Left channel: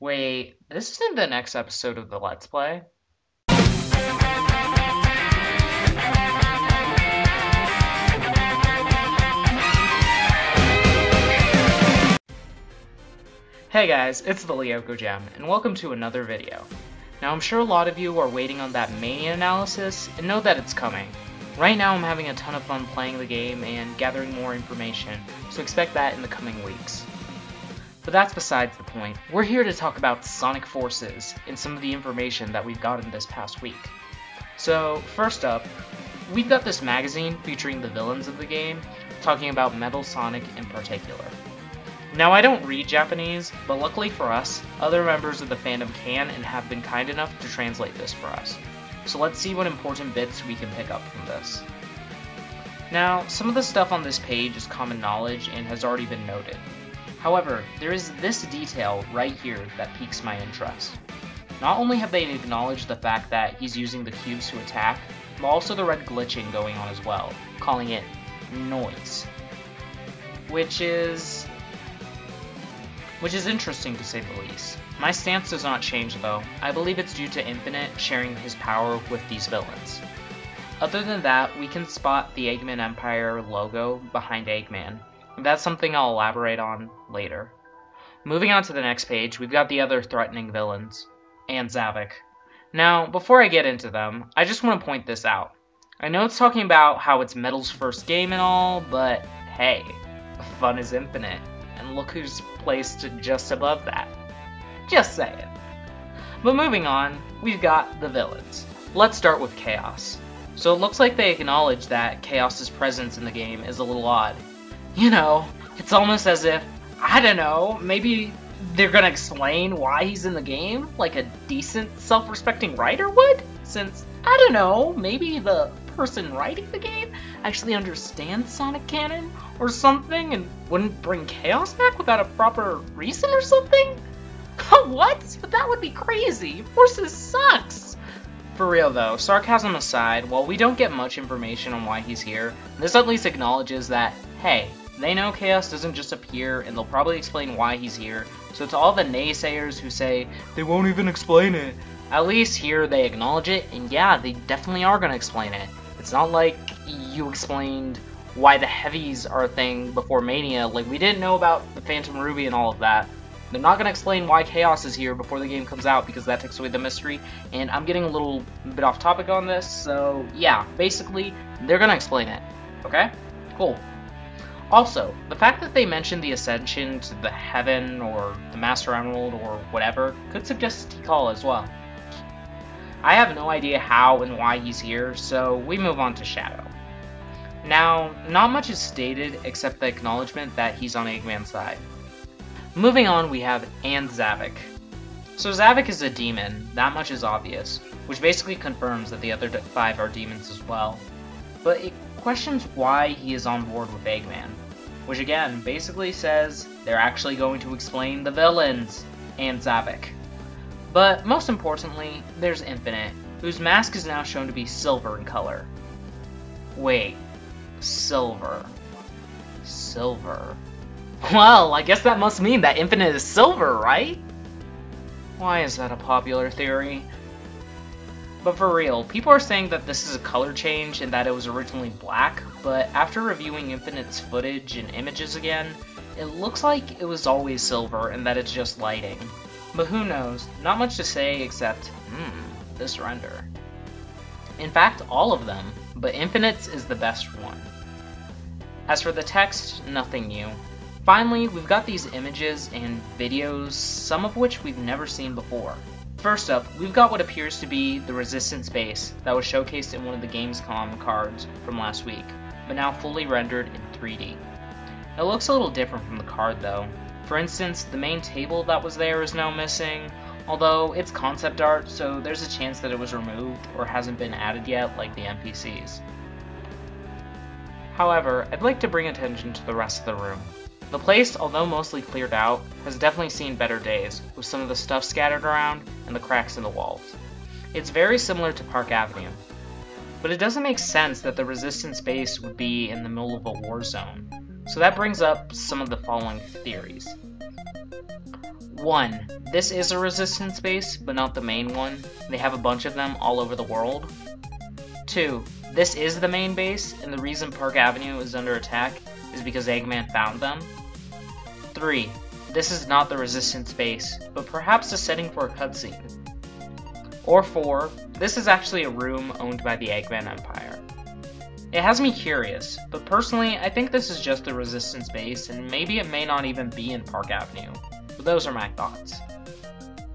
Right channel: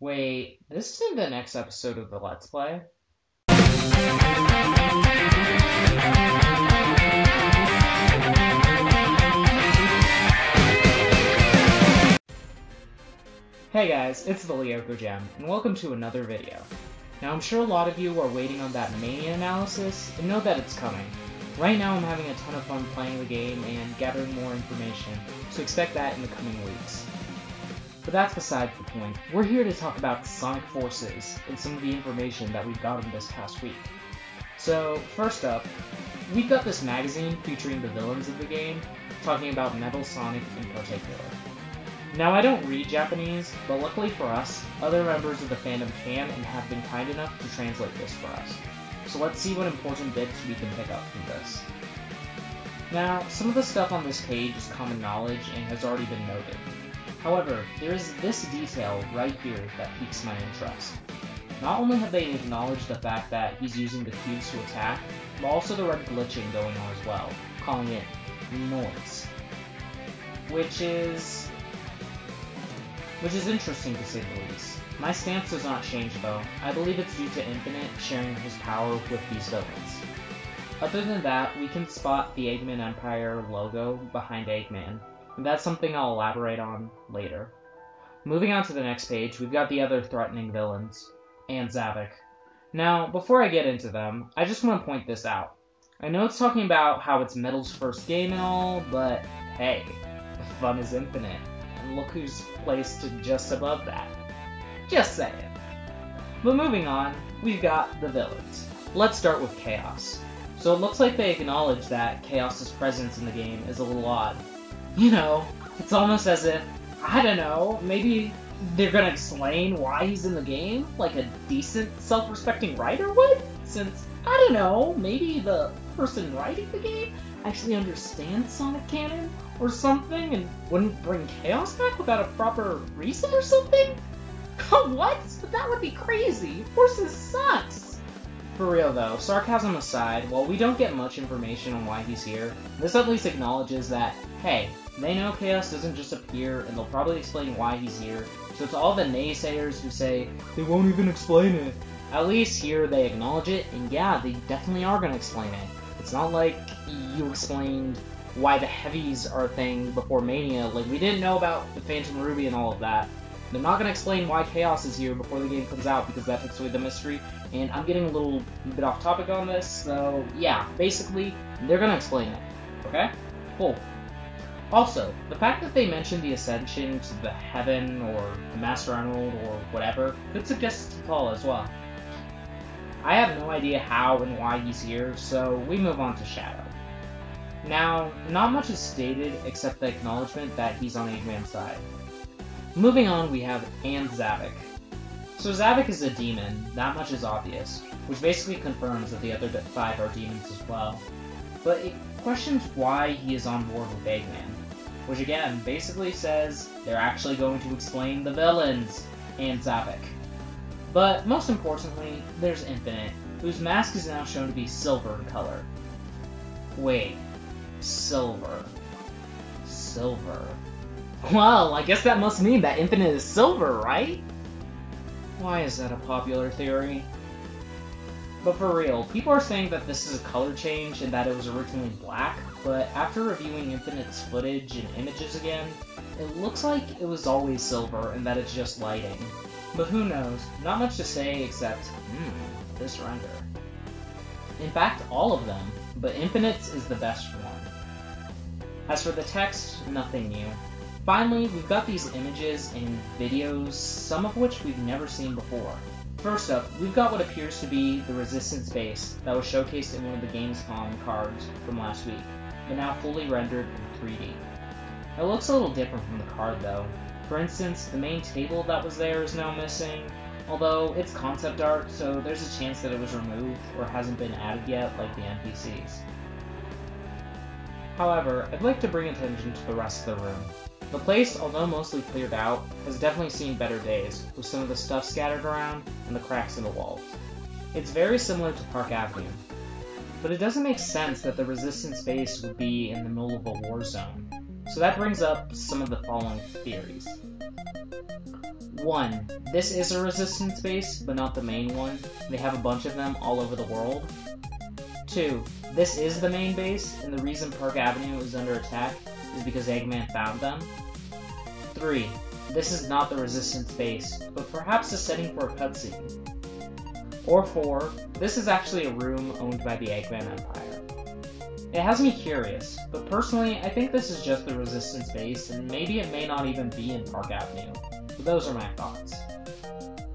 Wait, this isn't the next episode of the Let's Play? Hey guys, it's the Lyoko Gem, and welcome to another video. Now I'm sure a lot of you are waiting on that Mania analysis, and know that it's coming. Right now I'm having a ton of fun playing the game and gathering more information, so expect that in the coming weeks. But that's besides the point. We're here to talk about Sonic Forces and some of the information that we've gotten this past week. So, first up, we've got this magazine featuring the villains of the game, talking about Metal Sonic in particular. Now, I don't read Japanese, but luckily for us, other members of the fandom can and have been kind enough to translate this for us. So let's see what important bits we can pick up from this. Now, some of the stuff on this page is common knowledge and has already been noted. However, there is this detail right here that piques my interest. Not only have they acknowledged the fact that he's using the cubes to attack, but also the red glitching going on as well, calling it noise. Which is interesting to say the least. My stance does not change though. I believe it's due to Infinite sharing his power with these villains. Other than that, we can spot the Eggman Empire logo behind Eggman. That's something I'll elaborate on later. Moving on to the next page, we've got the other threatening villains, and Zavok. Now, before I get into them, I just want to point this out. I know it's talking about how it's Metal's first game and all, but hey, fun is infinite, and look who's placed just above that. Just saying. But moving on, we've got the villains. Let's start with Chaos. So it looks like they acknowledge that Chaos's presence in the game is a little odd. You know, it's almost as if, I don't know, maybe they're gonna explain why he's in the game, like a decent, self-respecting writer would? Since, I don't know, maybe the person writing the game actually understands Sonic canon or something and wouldn't bring Chaos back without a proper reason or something? What? But that would be crazy. Forces sucks! For real though, sarcasm aside, while we don't get much information on why he's here, this at least acknowledges that, hey, they know Chaos doesn't just appear, and they'll probably explain why he's here, so to all the naysayers who say, they won't even explain it, at least here they acknowledge it, and yeah, they definitely are gonna explain it. It's not like you explained why the heavies are a thing before Mania, like we didn't know about the Phantom Ruby and all of that. They're not gonna explain why Chaos is here before the game comes out, because that takes away the mystery, and I'm getting a little bit off topic on this, so yeah, basically, they're gonna explain it, okay? Cool. Also, the fact that they mentioned the Ascension to the Heaven, or the Master Emerald, or whatever, could suggest Tikal as well. I have no idea how and why he's here, so we move on to Shadow. Now, not much is stated except the acknowledgement that he's on Eggman's side. Moving on, we have Zavok. So Zavok is a demon, that much is obvious, which basically confirms that the other 5 are demons as well. But it questions why he is on board with Eggman, which again basically says they're actually going to explain the villains and Zavok. But most importantly, there's Infinite, whose mask is now shown to be silver in color. Wait, silver. Silver. Well, I guess that must mean that Infinite is silver, right? Why is that a popular theory? But for real, people are saying that this is a color change and that it was originally black, but after reviewing Infinite's footage and images again, it looks like it was always silver and that it's just lighting. But who knows, not much to say except, this render. In fact, all of them, but Infinite's is the best one. As for the text, nothing new. Finally, we've got these images and videos, some of which we've never seen before. First up, we've got what appears to be the Resistance base that was showcased in one of the Gamescom cards from last week, but now fully rendered in 3D. It looks a little different from the card though. For instance, the main table that was there is now missing, although it's concept art, so there's a chance that it was removed or hasn't been added yet like the NPCs. However, I'd like to bring attention to the rest of the room. The place, although mostly cleared out, has definitely seen better days, with some of the stuff scattered around and the cracks in the walls. It's very similar to Park Avenue, but it doesn't make sense that the Resistance base would be in the middle of a war zone. So that brings up some of the following theories. 1. This is a resistance base, but not the main one. They have a bunch of them all over the world. 2. This is the main base, and the reason Park Avenue is under attack is because Eggman found them. 3. This is not the resistance base, but perhaps a setting for a cutscene. Or 4. This is actually a room owned by the Eggman Empire. It has me curious, but personally I think this is just the resistance base, and maybe it may not even be in Park Avenue. But those are my thoughts.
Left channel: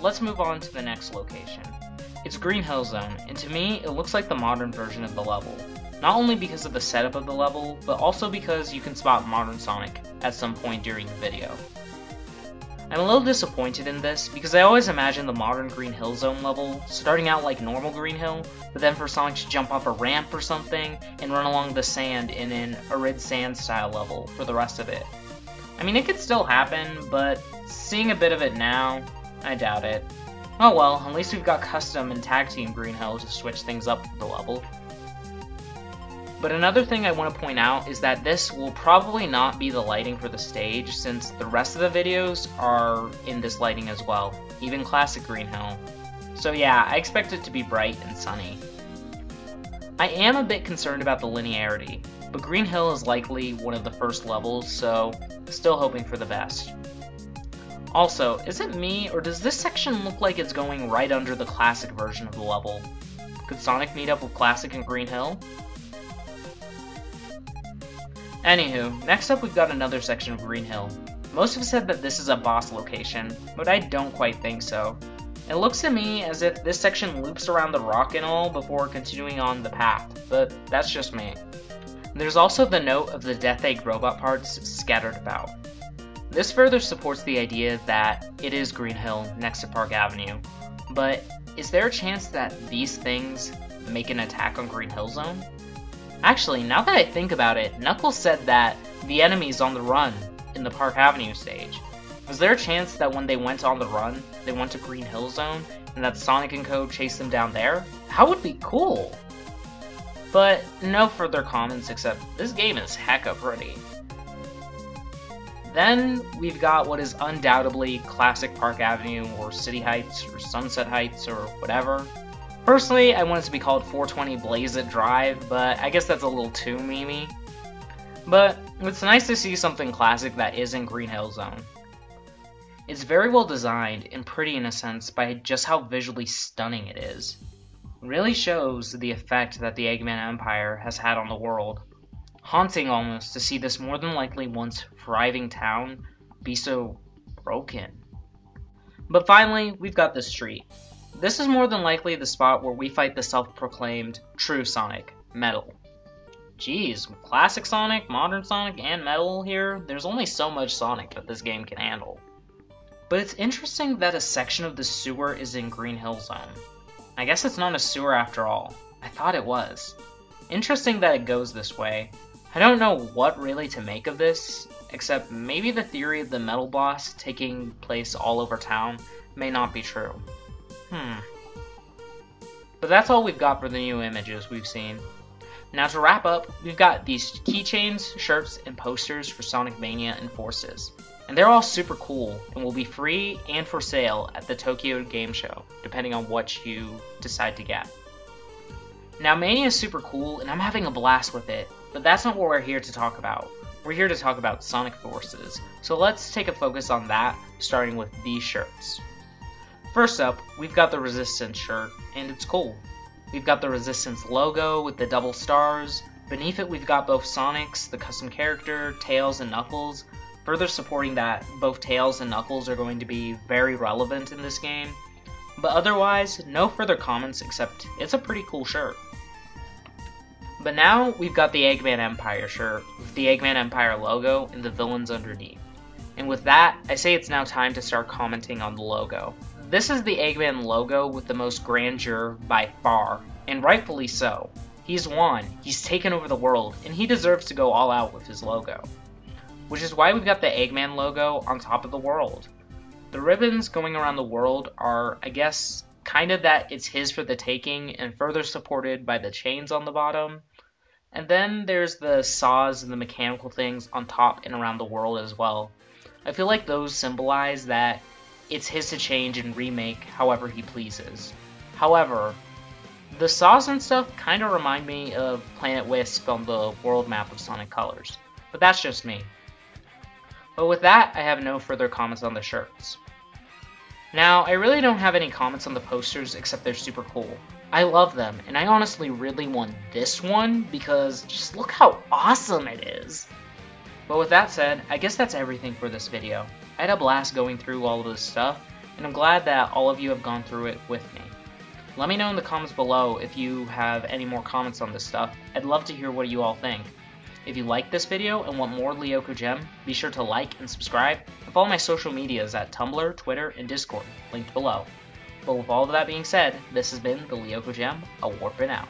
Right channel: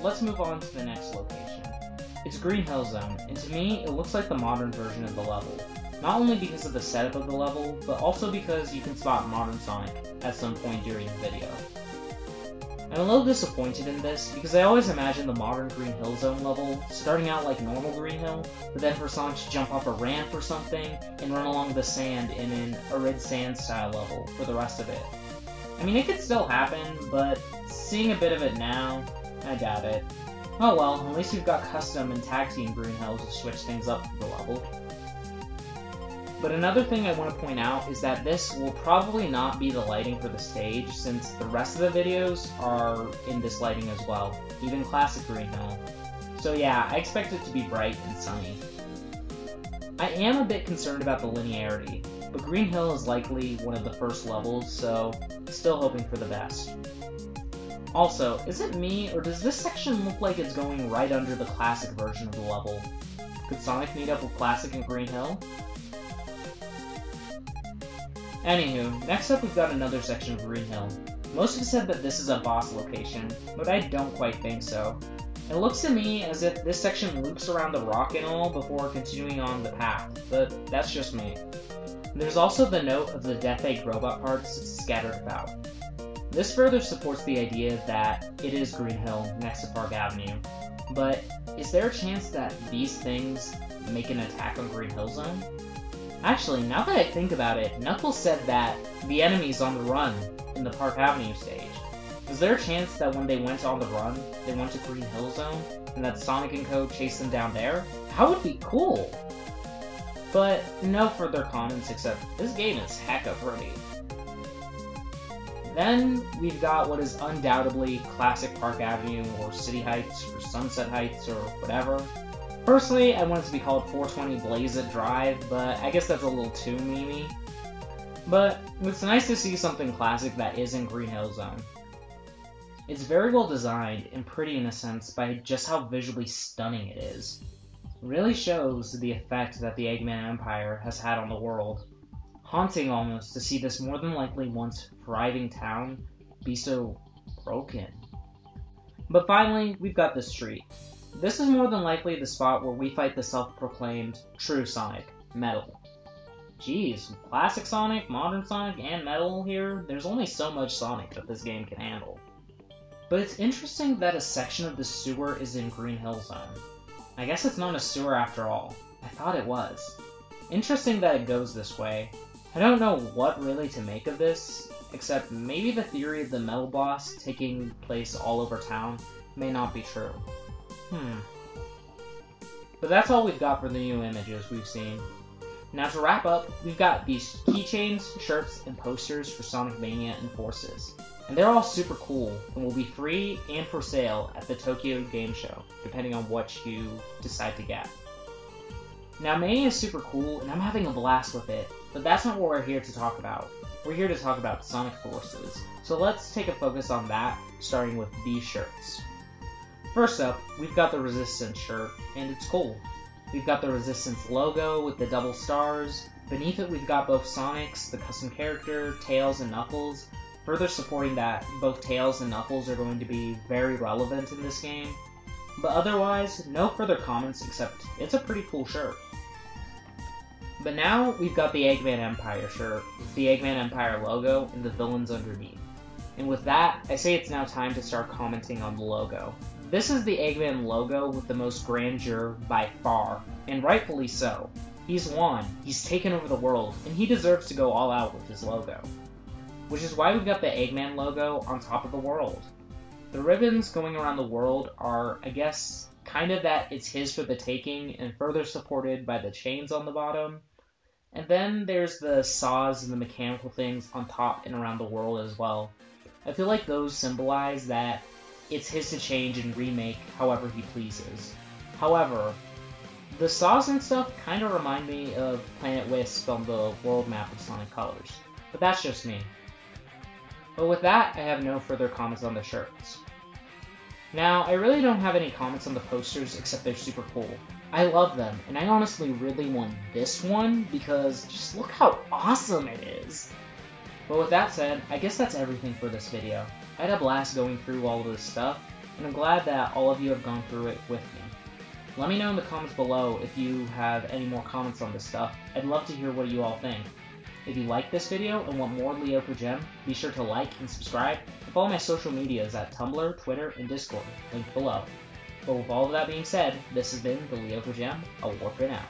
Let's move on to the next location. It's Green Hill Zone, and to me, it looks like the modern version of the level. Not only because of the setup of the level, but also because you can spot modern Sonic at some point during the video. I'm a little disappointed in this, because I always imagine the modern Green Hill Zone level starting out like normal Green Hill, but then for Sonic to jump off a ramp or something, and run along the sand in an Arid Sand style level for the rest of it. I mean, it could still happen, but seeing a bit of it now, I doubt it. Oh well, at least we've got custom and tag team Green Hill to switch things up for the level. But another thing I want to point out is that this will probably not be the lighting for the stage, since the rest of the videos are in this lighting as well, even classic Green Hill. So yeah, I expect it to be bright and sunny. I am a bit concerned about the linearity, but Green Hill is likely one of the first levels, so still hoping for the best. Also, is it me, or does this section look like it's going right under the classic version of the level? Could Sonic meet up with classic and Green Hill? Anywho, next up we've got another section of Green Hill. Most have said that this is a boss location, but I don't quite think so. It looks to me as if this section loops around the rock and all before continuing on the path, but that's just me. There's also the note of the Death Egg robot parts scattered about. This further supports the idea that it is Green Hill next to Park Avenue, but is there a chance that these things make an attack on Green Hill Zone? Actually, now that I think about it, Knuckles said that the enemy's on the run in the Park Avenue stage. Was there a chance that when they went on the run, they went to Green Hill Zone, and that Sonic and Co. chased them down there? That would be cool! But no further comments except this game is hecka pretty. Then we've got what is undoubtedly classic Park Avenue or City Heights or Sunset Heights or whatever. Personally, I want it to be called 420 Blaze It Drive, but I guess that's a little too memey. But it's nice to see something classic that isn't Green Hill Zone. It's very well designed and pretty in a sense by just how visually stunning it is. It really shows the effect that the Eggman Empire has had on the world. Haunting almost to see this more than likely once thriving town be so broken. But finally, we've got the street. This is more than likely the spot where we fight the self-proclaimed true Sonic, Metal. Geez, classic Sonic, modern Sonic, and Metal here, there's only so much Sonic that this game can handle. But it's interesting that a section of the sewer is in Green Hill Zone. I guess it's not a sewer after all. I thought it was. Interesting that it goes this way. I don't know what really to make of this, except maybe the theory of the Metal Boss taking place all over town may not be true. But that's all we've got for the new images we've seen. Now to wrap up, we've got these keychains, shirts, and posters for Sonic Mania and Forces. And they're all super cool, and will be free and for sale at the Tokyo Game Show, depending on what you decide to get. Now Mania is super cool, and I'm having a blast with it, but that's not what we're here to talk about. We're here to talk about Sonic Forces, so let's take a focus on that, starting with these shirts. First up, we've got the Resistance shirt, and it's cool. We've got the Resistance logo with the double stars. Beneath it we've got both Sonics, the custom character, Tails, and Knuckles, further supporting that both Tails and Knuckles are going to be very relevant in this game. But otherwise, no further comments except it's a pretty cool shirt. But now we've got the Eggman Empire shirt, with the Eggman Empire logo and the villains underneath. And with that, I say it's now time to start commenting on the logo. This is the Eggman logo with the most grandeur by far, and rightfully so. He's won, he's taken over the world, and he deserves to go all out with his logo. Which is why we've got the Eggman logo on top of the world. The ribbons going around the world are, I guess, kind of that it's his for the taking, and further supported by the chains on the bottom. And then there's the saws and the mechanical things on top and around the world as well. I feel like those symbolize that it's his to change and remake however he pleases. However, the saws and stuff kind of remind me of Planet Wisp on the world map of Sonic Colors, but that's just me. But with that, I have no further comments on the shirts. Now, I really don't have any comments on the posters except they're super cool. I love them, and I honestly really want this one because just look how awesome it is. But with that said, I guess that's everything for this video. I had a blast going through all of this stuff, and I'm glad that all of you have gone through it with me. Let me know in the comments below if you have any more comments on this stuff. I'd love to hear what you all think. If you like this video and want more Lyoko Gem, be sure to like and subscribe, and follow my social medias at Tumblr, Twitter, and Discord, linked below. But with all of that being said, this has been the Lyoko Gem. I'll warp it out.